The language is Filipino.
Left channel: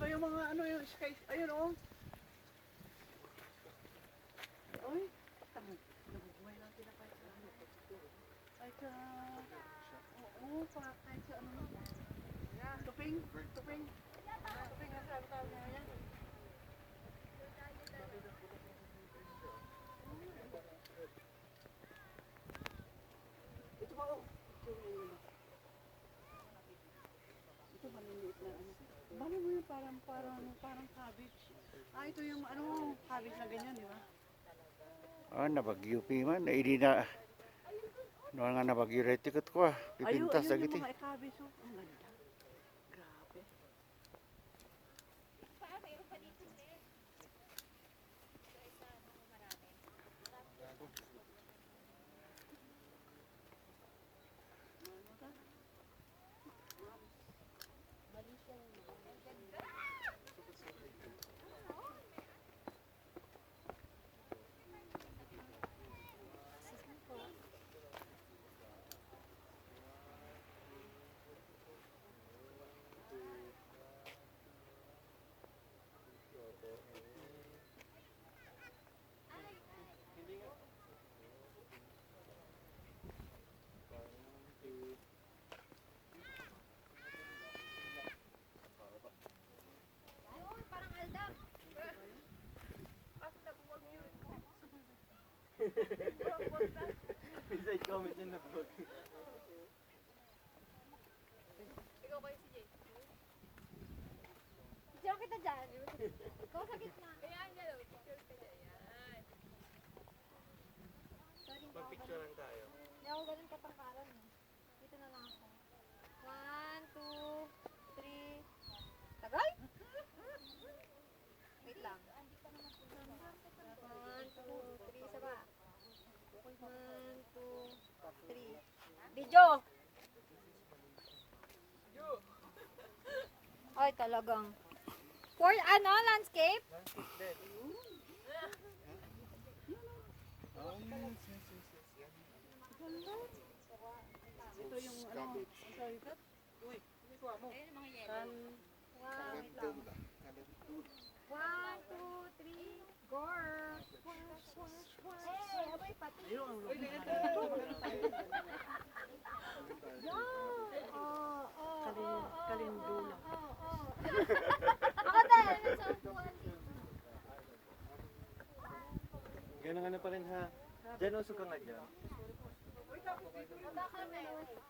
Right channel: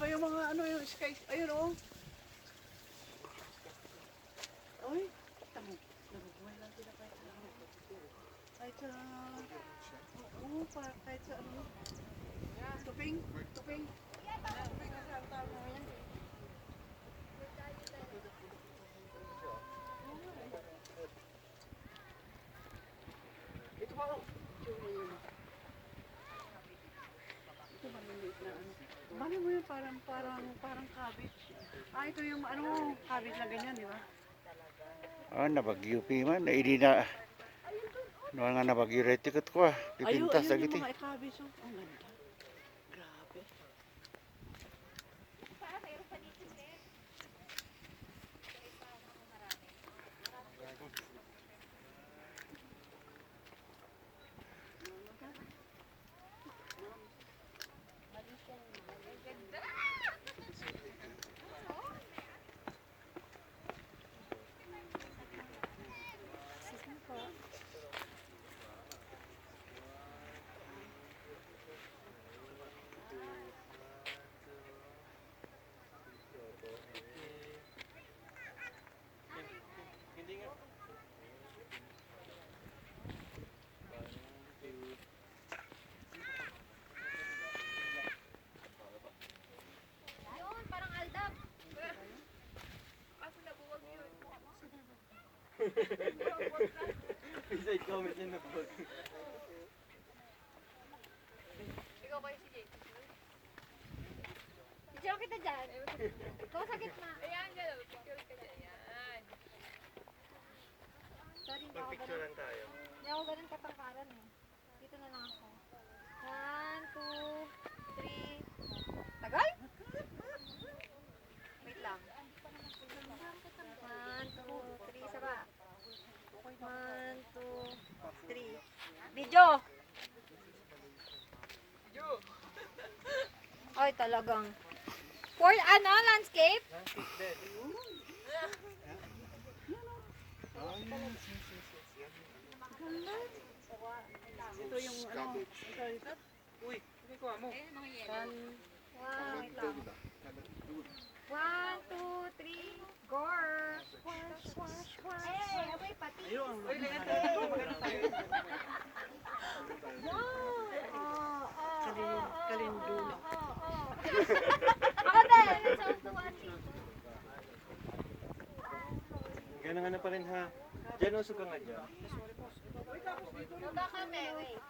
pa yung mga ano yung sky. Ayun oh. Ay, tamo. Nabubuhay lang sila kahit sa ano. Kahit sa... Oo, kahit sa ano. Tuping. Tuping. Ito pa oh. Ito maliliit na ano. Bali mo yun parang cabbage. Ah, ito yung ano, cabbage na ganyan, di ba? Ah, nabagyo pi man. Hindi na. Ano nga nabagyo rin tikot ko ah. Pipintas Ayun lagi yung ti. mga cabbage oh. Ang ganda. Grabe. Beside comment niya na po. Ikaw kayo si Jay. Picture kita dyan. Ikaw sa gitna. Ayan, dyan. Picture ka dyan. Ayan. Sorry, hindi ako ganun. Tayo. Hindi ako ganun katangkaran eh. Dito na lang ako. 1, 2, 3. Tagal? Wait lang. 1, 2, 3. Saba. 1, 2, 3. Video! Ay, talagang. For ano, landscape? Ito yung ano. Uy, hindi ko mo. Kan... Wait lang. 1, 2, 3. Gore! Wash, wash, wash. Eh, abay pati. Ayun. Uy, lahat tayo. Magano tayo? Kalindula. Ako din. Sounds to one thing. Ganun nga na pa rin ha. Diyan usog ka nga dyan. Baka kami, wait.